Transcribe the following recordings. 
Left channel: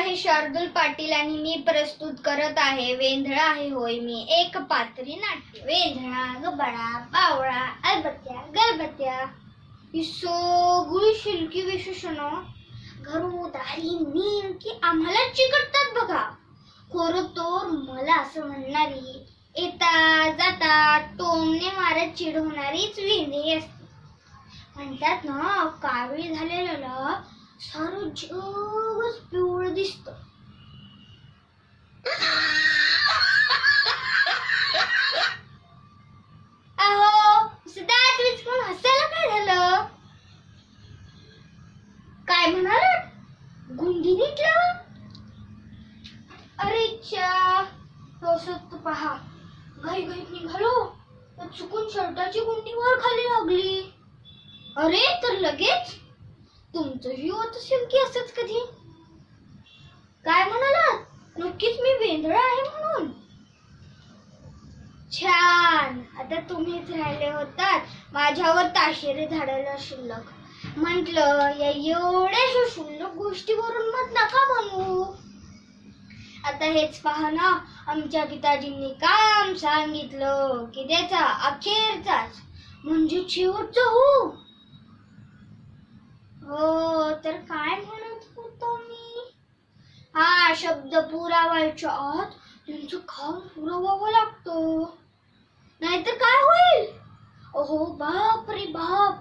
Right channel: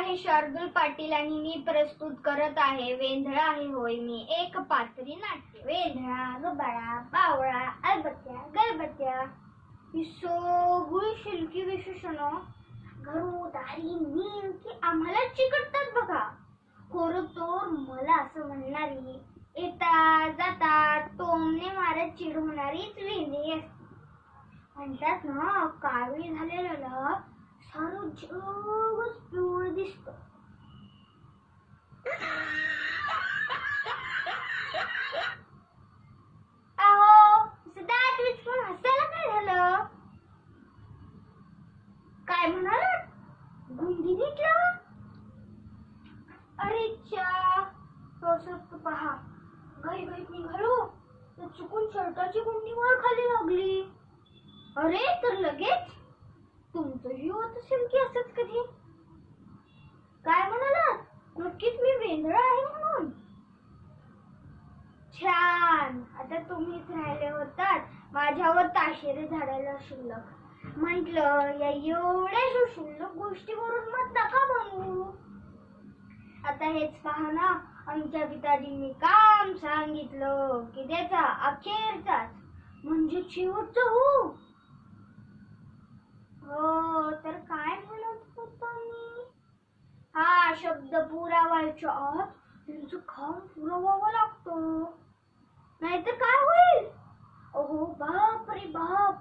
हे शार्दूल पाटील आणि मी प्रस्तुत करत आहे वेंधळा आहे होय मी एक पात्री नाट्य. वेंधळा गबाळा बावळा अलबत्त्या गलबत्त्या ही सगळी शिल्की विशेषणं घरोदारी नेमकी आम्हाला चिकटतात बघा. खरं तर मला असं म्हणणारी येता जाता टोमने मारत चिडवणारीच वेंधळी असते. म्हणतात ना काळी झालेल्याला सारं जगच पिवळं दिसतं. अहो सिद्धार्थ विचकून हसायला काय झालं? काय म्हणाल? गुंडी नीटला? अरे चा पहा घाई घाईत निघालो तर चुकून शर्टाची गुंडी वर खाली लागली. अरे तर लगेच तुमचंही होत असेल की असंच कधी? काय म्हणालात? नक्कीच मी वेंधळा आहे म्हणून. छान, आता तुम्हीच राहिले होतात माझ्यावर ताशेरे झाडायला शिल्लक. म्हटलं या एवढ्या क्षुल्लक गोष्टीवरून मत नका म्हणू. आता हेच पहा ना, आमच्या पिताजींनी काम सांगितलं की त्याचा अखेरचाच म्हणजे शेवटचा हो. हो तर काय म्हणत होतो मी? हा शब्द पुरावायच्या आत त्यांचं काम पुरवावं लागतं, नाहीतर काय होईल? अहो बाप रे बाप,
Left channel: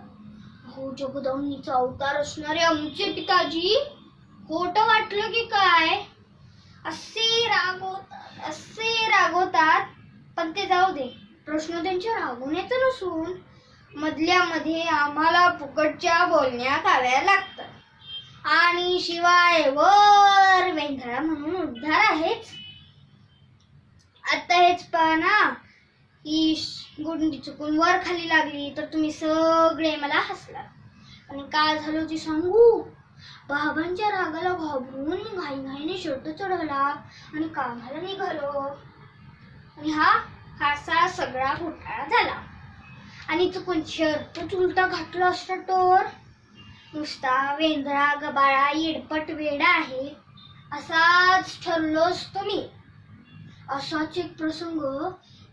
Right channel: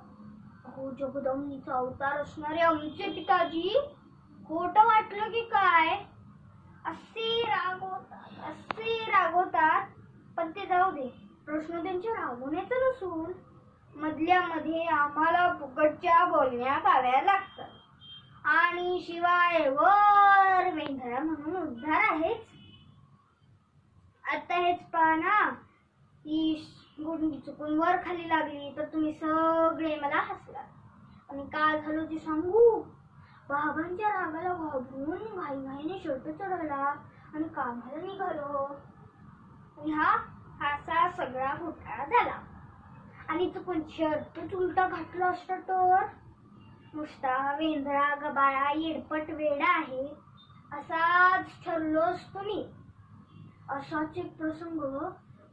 अहो जगदंबीचा अवतार असणारे आमचे पिताजी खोटं वाटलं की काय असे रागवतात. पण ते जाऊ दे, प्रश्न त्यांच्या रागवण्याचा नसून मधल्यामध्ये आम्हाला फुकटच्या बोलण्या खाव्या लागतात आणि शिवाय वर वेंधळा म्हणून उद्धार आहेच. आता हेच पहा ना, ही गुंडी चुकून वर खाली लागली तर तुम्ही सगळे मला हसला. आणि काय झालं ते सांगू? बाबांच्या रागाला घाबरून घाईघाईने शर्ट चढवला आणि कामाला निघालो. आणि हा सगळा घोटाळा झाला. आणि चुकून शर्ट उलटा घातला असता तर नुसता वेंधळा गबाळा येडपट वेडा आहे असाच ठरलो असतो मी. असाच एक प्रसंग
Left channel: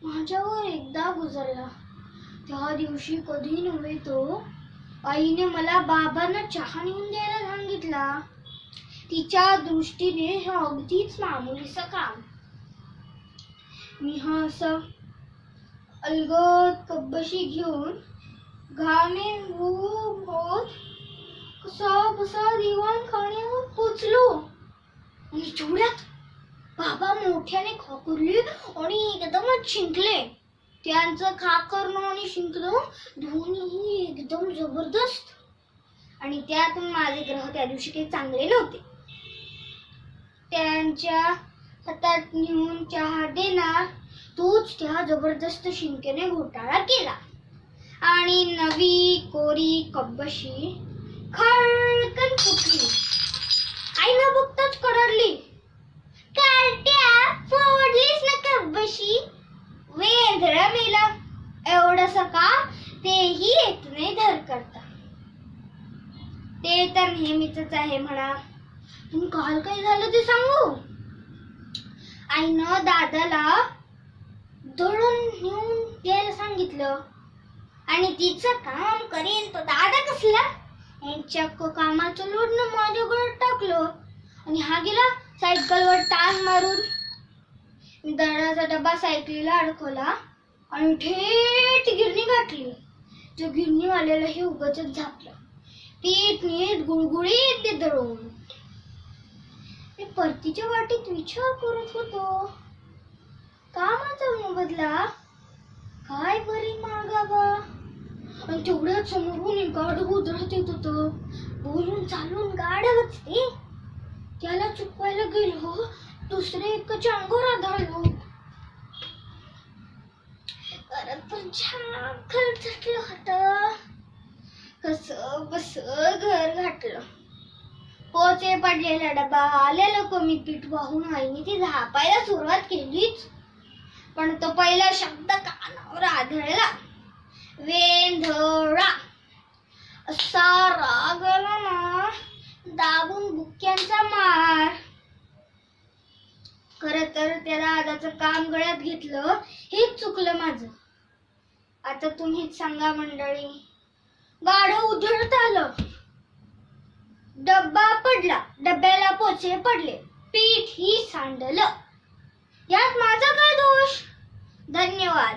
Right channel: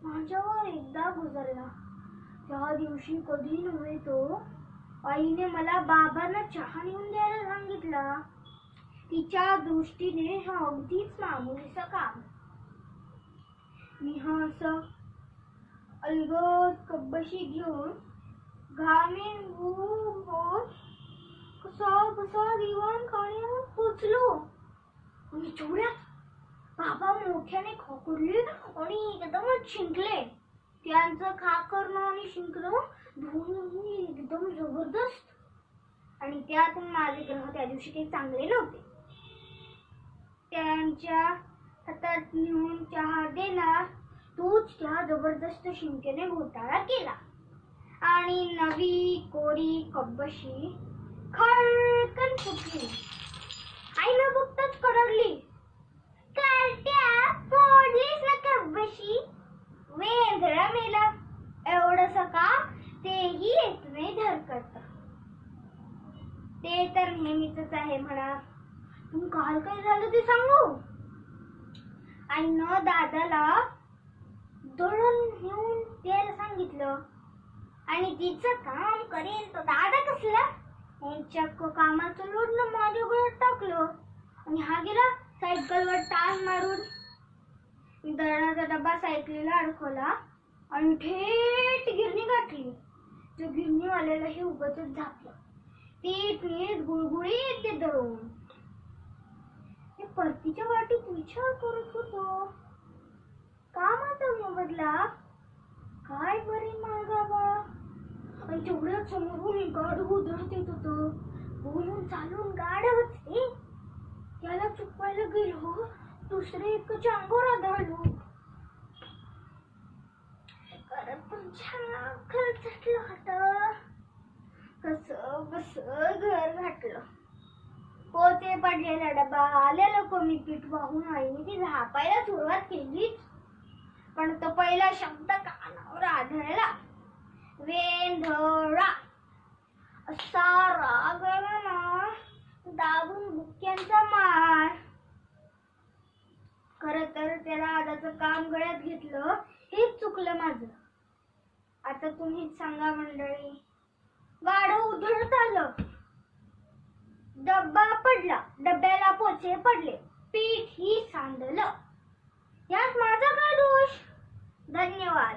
माझ्यावर एकदा गुजरला. त्या दिवशी कधी नव्हे तो आईने मला बाबांना चहा नेऊन द्यायला सांगितला. तिच्या दृष्टीने हे अगदीच मामुलीचं काम. मी असं अलगद कब्बशी घेऊन घामे होत कसा बसा दिवाण खाण्यावर पोचलो. आणि तेवढ्यात बाबा मोठ्याने खाकरले आणि एकदमच शिंकले. त्यांचं खाकरणं आणि शिंकणं दोन्ही एकदम जबरदस्त. आणि त्यातून माझे ग्रह त्या दिवशी काही चांगले नव्हते. त्यांच्या हातात नेऊन चहा देणार तोच त्या जबरदस्त शिंकेने घोटाळा केला आणि नवी कोरी कब्बशी खळकन फुटली. आई न बघताच कडाडली, कार्ट्या फोडलीस ना कब्बशी, वेंधळा मेला. एवढंसं का तेही येत नाही धर करता. ते तर नेहमीच आहे म्हणा. पण काल काय झालं ते सांगू? आईनं दादाला दळण नेऊन द्यायला सांगितलं आणि तिचं काम करेल तो दादा कसला यांच्या कामाचं लोडनं माझ्या गळ्यात टाकलं आणि हा गेला सायकलवर टांग मारून. मी दळणाचा डबा सायकलीला अडकवला आणि थेट गिरणी गाठली. त्या गिरणीवाल्यालाही उगाचच झापलं. पीठ नीट गुळगुळीत ते दळून. मी परतीच्या वाटीत विचार करत होतो, कामाचा मोबदला काय बरे मागावा. आणि तेवढ्याच समोरून एक गाढव उधळत येत होतं. बोलून चालून गाढवच ते. त्याला चुकवायला गेलो, दुसरे एकाच्या अंगावर आदळलो. परत पण छान खरचटलं होतं. कसं बस घर घातलं. पोचे पडलेला डबा आलेलं कमी पीठ वाहून आईने ती झापायला सुरुवात केलीच. पण तो पहिला शब्द कानावर आदळला, वेंधळा. असा राग आला ना, दाबून बुक्क्यांचा मार. खरं तर त्या दादाचं काम गळ्यात घेतलं हेच चुकलं माझं. आता तुम्हीच सांगा मंडळी. गाढव उधळत आलं, डब्बा पडला, डब्याला पोचे पडले, पीठ ही सांडलं. यात माझा काय दोष? धन्यवाद.